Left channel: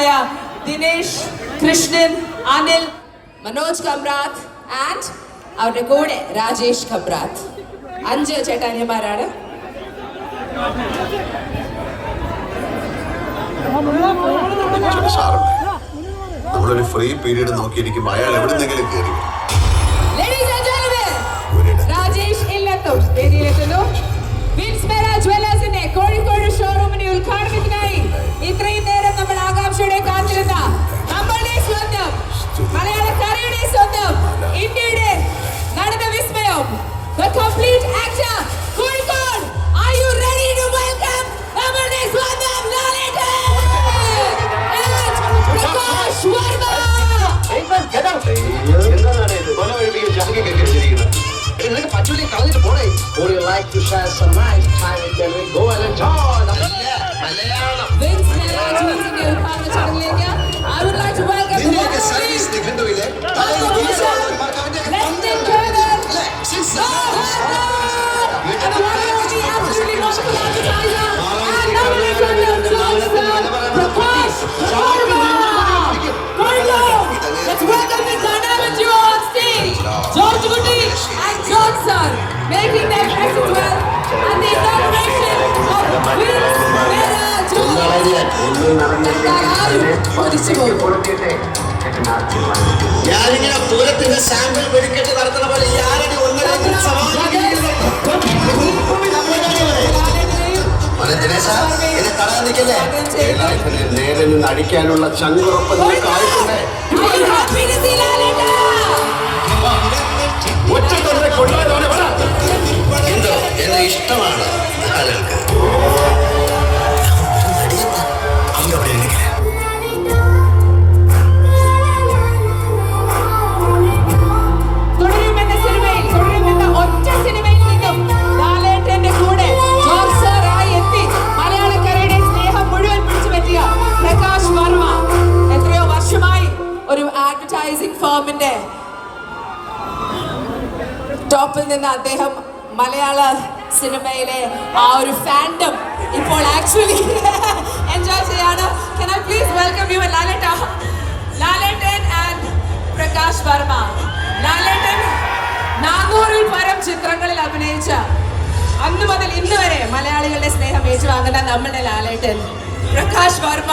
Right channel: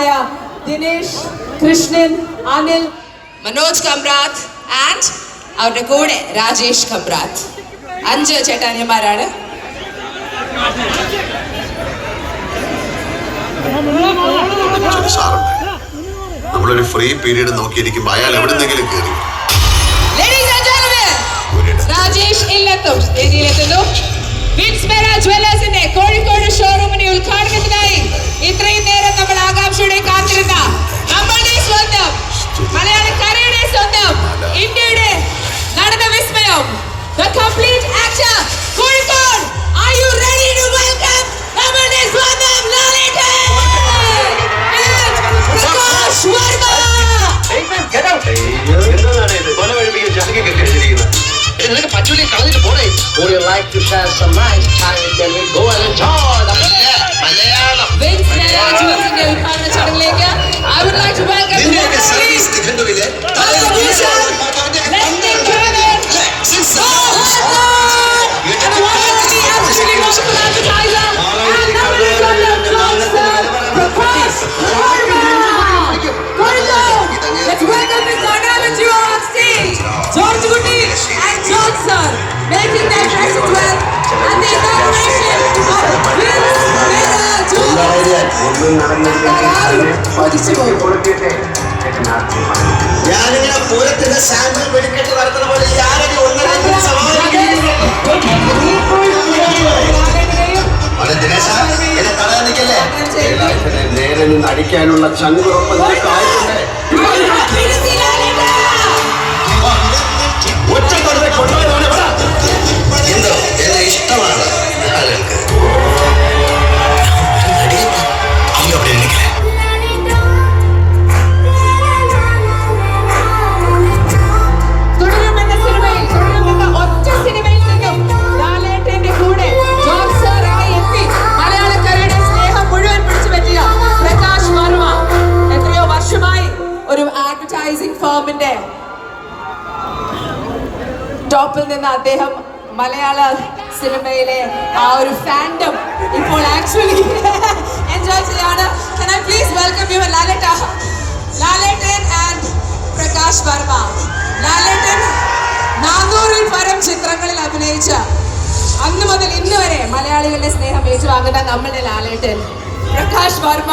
ചേട്ടാനിയന്മാരായ Dinesh, Krishnan, Anil, Manoj കമ്രാത്ത് and അവരുടെ കൂടെ രാജേഷ് കമ്രാത്ത്. 5 ചേട്ടാനിയന്മാരാണ്. നമ്മളൊരു ഫ്രീ പീരീഡ് നോക്കിയിരിക്കുമ്പോ അയാൾ എവിടെന്നെങ്കിലും കയറി. രാജേഷ് ഇല്ലത്തും വേദിയിലെത്തുന്നു. വിൻസ്മെറ ജ്വല്ലേഴ്സിന്റെ കോഴിക്കോട് ഷോറൂമിന്റെ ഉദ്ഘാടനത്തിനായി ഇത്രയും നേരം നമ്മൾ ആകാംക്ഷയോടെ കാത്തിരുന്ന നമ്മളുടെ സ്വന്തം മലയാളക്കരയുടെ സ്വന്തം ഇന്ത്യയുടെ നടന വിസ്മയം the complete actor Kozhikode. Are you ready to welcome നമ്മളുടെ സ്വന്തം ലാലേട്ടൻ Prakash Varma? Would you like to share some nice time? Then we go and enjoy the Malayalam. I would like to welcome George Gutti and John Sir making their presence well and the inauguration of Vinsmera Jewellers. ഞാനിങ്ങനെ പൂരത്തിന്റെ sample വെടിക്കെട്ട് നടത്തുന്ന പോലെ നേരെ നിന്ന് അടിക്കാനുള്ള ചങ്കുറപ്പ് എന്തോ ഇഷ്ടമാണ് ആളുകൾക്ക്. ടോപ്പിൽ നിന്ന് അദ്ദേഹം മലയാള സിനിമയിലെ ആ ഒരു ഫാൻഡം ഇപ്പോൾ ആക്ച്വലി എൻജോയ് ചെയ്യാണ്. Can I please welcome you Lalettan and Prakash Varma. Lalettan 400-ൽ പരം ചിത്രങ്ങളിൽ അഭിനയിച്ച അന്ന് മുതൽ ഇന്ന് വരെ മലയാളികളുടെ സ്നേഹം ഏറ്റുവാങ്ങുന്ന നമ്മുടെ ലാലേട്ടൻ. പ്രകാശ് വർമ്മ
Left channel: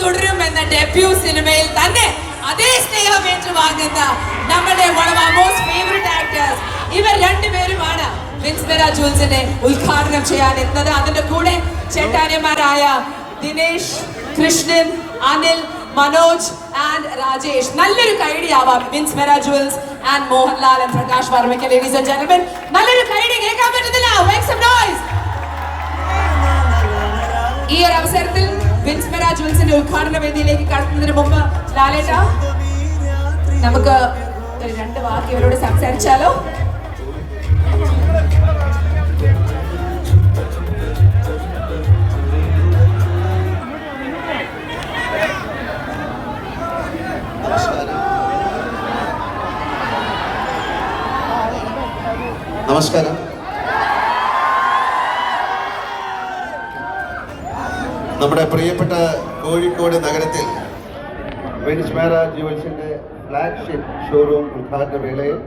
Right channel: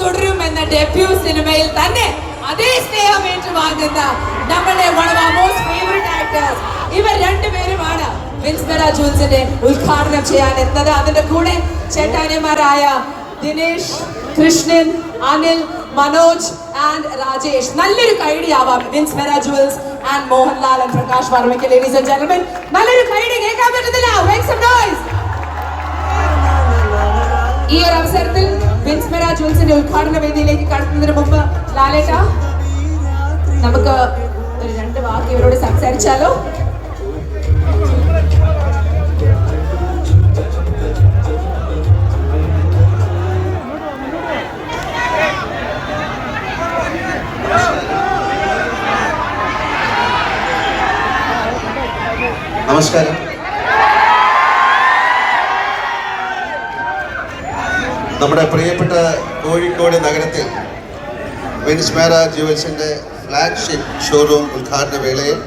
തുടരും എന്ന ഡെബ്യൂ സിനിമയിൽ തന്നെ അതേ സ്നേഹം ഏറ്റുവാങ്ങുന്ന നമ്മുടെ one of our most favorite actors. ഇവർ രണ്ടുപേരുമാണ് വിൻസ്മെറ ജ്വല്ലേഴ്സിന്റെ ഉദ്ഘാടനം ചെയ്യാൻ എത്തുന്നത്. അതിന്റെ കൂടെ ചേട്ടാനിയന്മാരായ ദിനേശ്, കൃഷ്ണൻ, അനിൽ, മനോജ് ആൻഡ് രാജേഷ്. നല്ലൊരു കൈഡിയാവാം Vinsmera jewellers and Mohanlal and Prakash വർമ്മയ്ക്ക്. ലേഡീസ് ആൻഡ് ജെന്റിൽമെൻ, നല്ലൊരു കൈഡി കേൾക്കാൻ പറ്റുന്നില്ല. Make some noise. ഈ ഒരു അവസരത്തിൽ വിൻസ്മെറ ജ്വല്ലേഴ്സിന്റെ ഉദ്ഘാടന വേദിയിലേക്ക് കടക്കുന്നതിന് മുമ്പ് ലാലേട്ട നമുക്ക് ഒരു 2 വാക്ക് ഇവരോട് സംസാരിച്ചാലോ? നമസ്കാരം. നമ്മുടെ പ്രിയപ്പെട്ട കോഴിക്കോട് നഗരത്തിൽ വിൻസ്മെറ ജ്വല്ലേഴ്സിൻ്റെ ഫ്ലാഗ്ഷിപ്പ് ഷോറൂം ഉദ്ഘാടന വേളയിൽ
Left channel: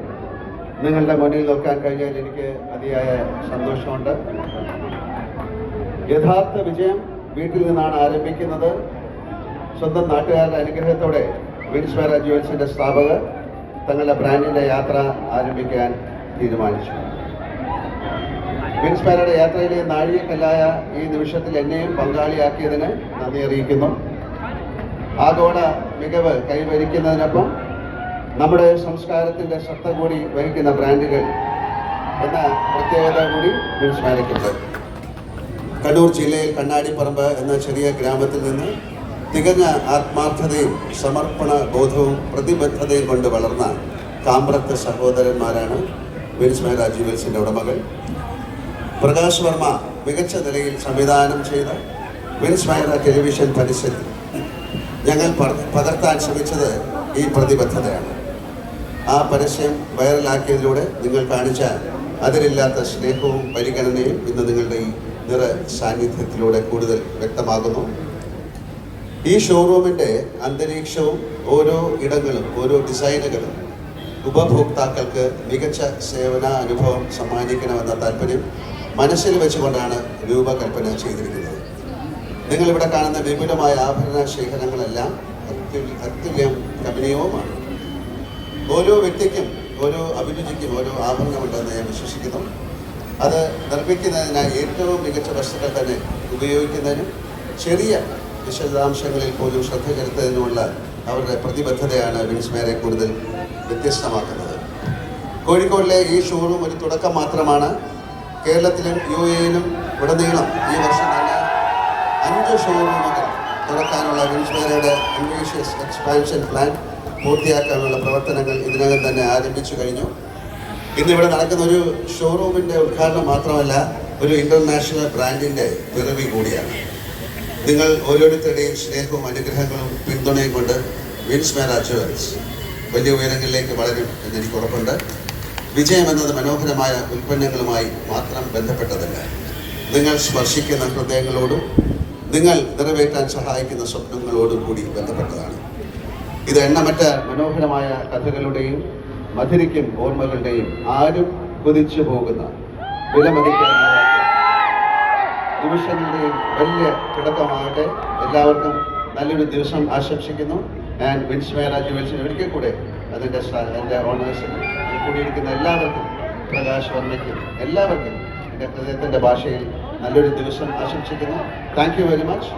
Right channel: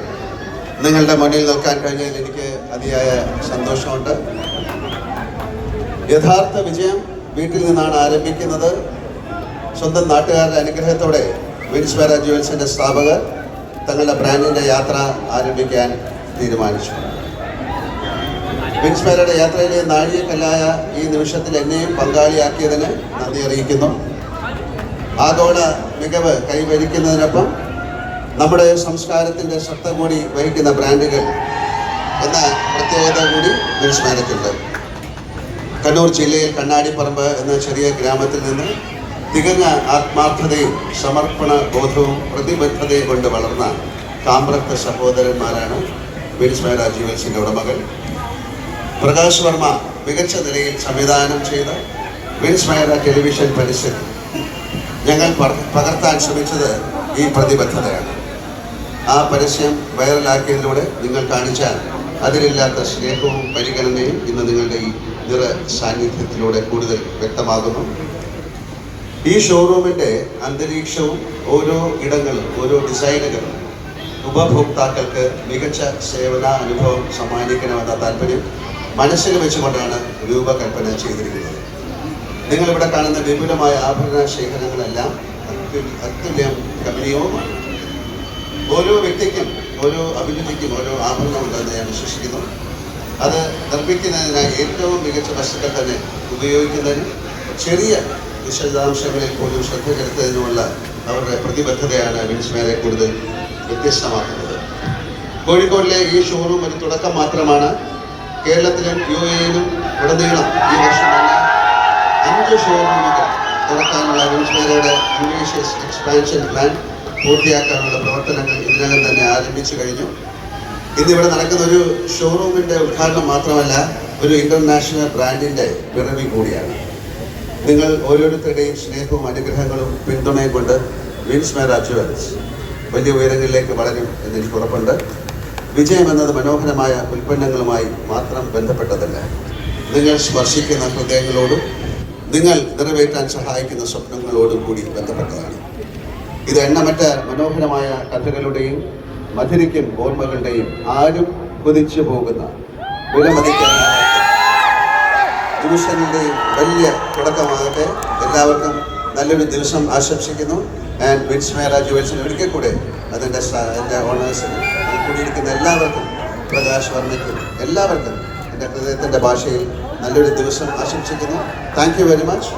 നിങ്ങളുടെ മുന്നിൽ നിൽക്കാൻ കഴിഞ്ഞതിൽ എനിക്ക് അതിയായ സന്തോഷമുണ്ട്. യഥാർത്ഥ വിജയം വീട്ടിൽ നിന്നാണ് ആരംഭിക്കുന്നത്. സ്വന്തം നാട്ടുകാരുടെ അനുഗ്രഹത്തോടെ വിൻസ്മെറ ജ്വല്ലേഴ്സിൻ്റെ സ്ഥാപകർ തങ്ങളുടെ ബ്രാൻഡിൻ്റെ യാത്ര ആരംഭിക്കാൻ തീരുമാനിച്ചു. വിൻസ്മെറയുടെ യാത്രയിലെ നാഴികക്കല്ലായ ഈ നിമിഷത്തിൽ എന്നെയും പങ്കാളിയാക്കിയതിന് നന്ദി അറിയിക്കുന്നു. ആഗോള മികവ് കൈവരിക്കുന്നതിനൊപ്പം നമ്മുടെ സംസ്കാരത്തിൻ്റെ ശക്തി കൂടി വഹിക്കുന്ന ബ്രാൻഡുകൾ എന്ന പ്രത്യേകത കൂടി വിൻസ്മെറയ്ക്കുണ്ട്. കണ്ണൂർ ജില്ലയിൽ കണ്ണാടിപ്പറമ്പ് എന്ന ചെറിയ ഗ്രാമത്തിൽ നിന്ന് തികഞ്ഞ ആത്മാർത്ഥതയും സമർപ്പണ ബോധവും പ്രതിബദ്ധതയും കൊണ്ട് വളർന്ന കാമ്പ്രത്ത് സഹോദരന്മാരാണ് വിൻസ്മെറ ജ്വല്ലേഴ്സിൻ്റെ ഉടമകൾ. പ്രകാശ് വർമ്മ മികച്ച നിലയിൽ സംവിധാനം ചെയ്ത വിൻസ്മെറ ടെലിവിഷൻ പരസ്യത്തിൽ ഞങ്ങൾ പകർത്താൻ ശ്രമിച്ചത് ഈ പ്രതിബദ്ധതയാണ്. ആ പരസ്യം വൈറലാക്കിയതിലൂടെ നിങ്ങൾ കാണിച്ച അതിലില്ലാത്ത സ്നേഹവും പരിഗണനയും ഇന്ന് നിങ്ങളുടെ ഈ നിറ സാന്നിധ്യത്തിലൂടെ കൂടുതൽ വ്യക്തമാകുന്നു. ഈ ഷോറൂമിൻ്റെ അന്തരീക്ഷവും ഓരോ ഇടങ്ങളും ഓരോ ഡിസൈനുകളും ഉപഭോക്താക്കൾക്ക് മികച്ച സേവന അനുഭവം സമ്മാനിക്കണമെന്ന താല്പര്യം മനസ്സിൽ വെച്ചുകൊണ്ടാണ് രൂപകൽപ്പന ചെയ്തിരിക്കുന്നത്. നിങ്ങളിവിടെ കാണുന്ന വിപുലമായ ആഭരണ ശേഖരങ്ങളെല്ലാം അത്യുല്യം കമ്പനീയവുമാണ്. ഓരോ വ്യക്തിക്കും ഓരോ അഭിരുചിക്കും ഓരോ ആഭരണമുണ്ടെന്ന് ഞാൻ വിശ്വസിക്കുന്നു. അത് നിർമ്മിക്കുന്നതിനായി ഏറ്റവും മികച്ച വസ്തുക്കൾ തന്നെ ഉപയോഗിക്കുന്നതിനും ചെറിയ വിശദാംശങ്ങളിൽ പോലും ശ്രദ്ധ ചെലുത്തുന്നതിനുമുള്ള അവരുടെ പ്രതിബദ്ധതയാണ് വിൻസ്മേരെ കൂടുതൽ വ്യത്യസ്തമാക്കുന്നത്. കോഴിക്കോടിലെ ഈ ഷോറൂം ഒരു തുടക്കം മാത്രമാണ്. കേരളത്തിലും UAE-യിലും ഉടനീളം ഈ വർഷം തന്നെ 5 ഷോറൂമുകൾ തുറക്കാനുള്ള വിൻസ്മേരയുടെ അംബീഷ്യസ് എക്സ്പാൻഷൻ പ്ലാൻ പൂർത്തിയാക്കാനുള്ള പ്രവർത്തനങ്ങൾ ഇതിനകം തന്നെ ആരംഭിച്ചു കഴിഞ്ഞു. ഇന്നിവിടെ നടക്കുന്ന ഒരു ഷോറൂമിൻ്റെ ഉദ്ഘാടനം മാത്രമല്ല, ഒരു ഇൻ്റർനാഷണൽ ബ്രാൻഡിൻ്റെ പിറവി കൂടിയാണ്. നിങ്ങൾ ഓരോരുത്തരുടെയും സ്നേഹവും അനുഗ്രഹങ്ങളും പിന്തുണയും കൊണ്ട് വിൻസ്മേര ജുവൽസ് വലിയ ഉയരങ്ങളിലേക്ക് വളരും എന്ന് എനിക്ക് ഉറപ്പുണ്ട്. വിജയം എന്നത് മനോഹരമായ ഉൽപ്പന്നങ്ങളുമായി മാത്രം ബന്ധപ്പെട്ടതല്ല, നിങ്ങൾ സ്പർശിക്കുന്ന ഹൃദയങ്ങളോടും നിങ്ങൾ നിറവേറ്റാൻ സഹായിക്കുന്ന സ്വപ്നങ്ങളോടും കൂടി ബന്ധപ്പെട്ടതാണ്. ഇത് എണ്ണമറ്റ മനോഹരമായ കഥകളുടെയും മധുരിക്കും ഓർമ്മകളുടെയും ആരും കൊതിച്ചു പോകുന്ന വിലമതിക്കാനാവാത്ത നിമിഷങ്ങളുടെയും വലിയ തുടക്കമാകട്ടെ. എല്ലാവർക്കും നല്ലൊരു ദിവസം ആശംസിക്കുന്നു. ആൻഡ് വിൻസ്മേര ജുവൽസിന് ഒരിക്കൽ കൂടെ അതിൻ്റെ എൻ്റെ ഓണേഴ്സിന് കൂടിയിരിക്കുന്ന എല്ലാവർക്കും, പ്രകാശ് വർമ്മയ്ക്കും എല്ലാവർക്കും എൻ്റെ ഹൃദയത്തിൻ്റെ ഭാഷയിൽ നല്ലൊരു ദിവസം ആശംസിക്കുന്നു. Thank you very much.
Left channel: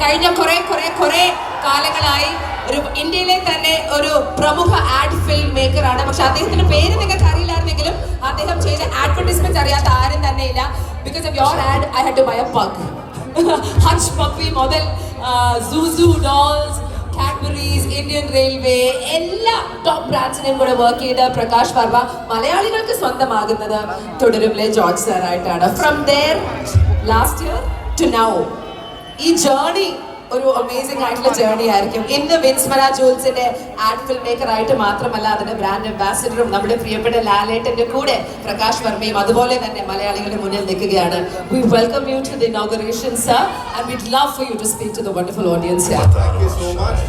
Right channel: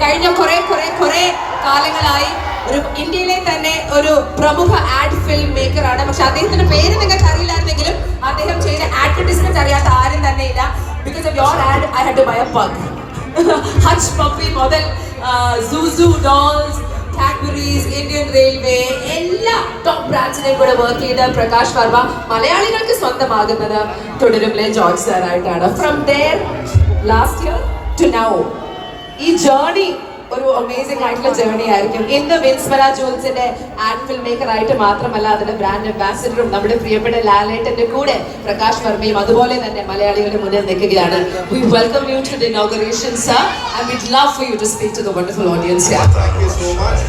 കഴിഞ്ഞ കുറെ കാലങ്ങളായി ഒരു ഇന്ത്യയിലെ തന്നെ ഒരു പ്രമുഖ ആഡ് ഫിലിം മേക്കറാണ്. പക്ഷെ അദ്ദേഹത്തിന്റെ പേര് നിങ്ങൾക്ക് അറിയില്ലായിരുന്നെങ്കിലും അദ്ദേഹം ചെയ്ത അഡ്വർടൈസ്മെന്റ് അറിയാത്ത ആരും തന്നെ ഇല്ല. Because of your ad I had to buy a pug. Hutch puppy മുതൽ ZooZoo dolls, Cadbury's, Indian Railway എല്ലാ ടോപ്പ് ബ്രാൻഡ്സിനെയും കൂടെ വർക്ക് ചെയ്ത പ്രകാശ് വർമ്മ മലയാളികൾക്ക് സ്വന്തമാകുന്നത് തുടരുമിലെ ജോർജ് സാറായിട്ടാണ്. From there last year to now ഈ ജേർണി ഒരു അമേസിംഗ് ആയിട്ടുള്ള ജേർണി ആയിരിക്കും. ഇന്ന് വിൻസ്മേര ജുവൽസിന്റെ ആഡ് ഫിൽം മേക്കർ ആയിട്ട് മാത്രമല്ല, അതിന്റെ ബ്രാൻഡ് അംബാസിഡറും നമ്മുടെ പ്രിയപ്പെട്ട ലാലേട്ടന്റെ കൂടെ പ്രകാശ് വർമ്മയും അതുപോലെ തന്നെ മലയാളികളുടെ മുന്നിൽ നിൽക്കുകയാണ്. We welcome you to the inauguration, sir, and we'd love for you to speak to the wonderful audience here. Thank you so much.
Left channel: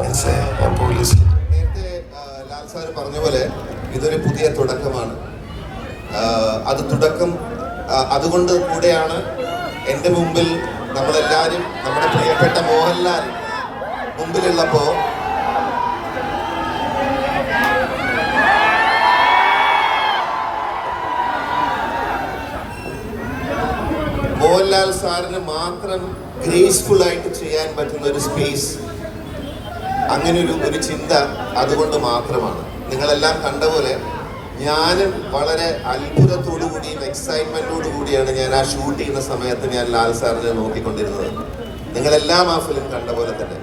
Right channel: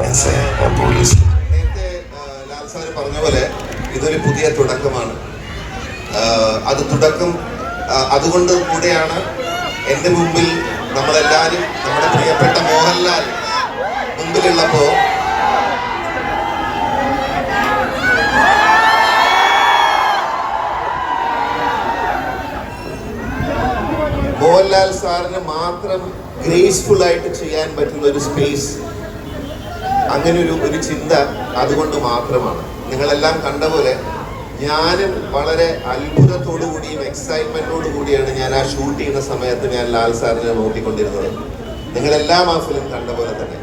Wednesday, I'm police. നേരത്തെ ലാൽ സാർ പറഞ്ഞ പോലെ ഇതൊരു പുതിയ തുടക്കമാണ്. അത് തുടക്കം അതുകൊണ്ട് കൂടെയാണ് എൻ്റെ മുമ്പിൽ നമ്മളെല്ലാവരും നമ്മുടെ പ്രിയപ്പെട്ട മോഹൻലാൽ മുമ്പിലുള്ളപ്പോൾ മോഹൻലാൽ സാറിന് മാത്രം ഗ്രേസ്ഫുൾ ആയിട്ട് ചെയ്യാൻ പറ്റുന്ന ഒരു സ്പേസ്, അങ്ങനെ ഒരു ചിന്ത അതുകൊണ്ട് മാത്രമാണ്. നിങ്ങളെല്ലാം കണ്ട പോലെ ഞാനും വളരെ അത്ഭുതത്തോടു കൂടിയും എക്സൈറ്റ്മെന്റോടു കൂടിയാണ് ഞാൻ ആ ഷൂട്ട് ചെയ്യുന്ന സമയത്ത് ഞാൻ ലാൽ സാറിനെ നോക്കിക്കൊണ്ടിരുന്നത്. നിങ്ങളെല്ലാം ആ ഫിലിം കണ്ട പോലെ തന്നെ.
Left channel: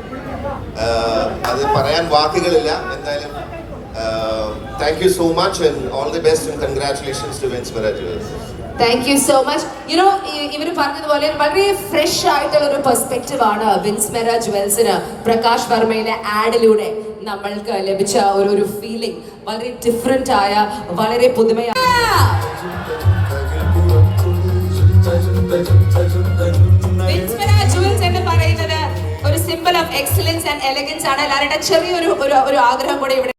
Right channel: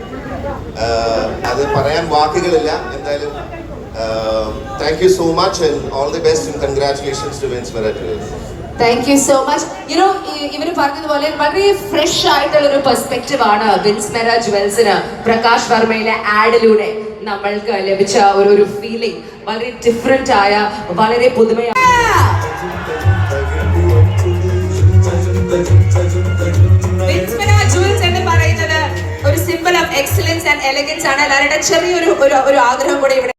അത് പറയാൻ വാക്കുകളില്ല. എന്തായാലും thank you so much and all the best and congratulations to Vinsmera Jewels. Thank you so much. You know ഇവർ പറഞ്ഞതുപോലെ വളരെ ഫ്രഷ് ആയിട്ടുള്ള ഒരു പെർസ്പെക്റ്റീവ് ആണ് വിൻസ്മേര ജുവൽസിന് പ്രകാശ് വർമ്മയിലെ ആഡിലൂടെ നമ്മൾക്ക് ലഭിച്ച ഒരു ഫീലിംഗ്. വളരെ ഡിഫറെന്റ് ആയ, വളരെ പുതുമയായ വിൻസ്മേര ജുവൽസ് എന്ന് പറയുന്നത് ഒരു simple of excellence and elegance ആണ്. എല്ലാവരുടെ ചെറിയൊരു ആഗ്രഹം കൂടെ ഇവിടെ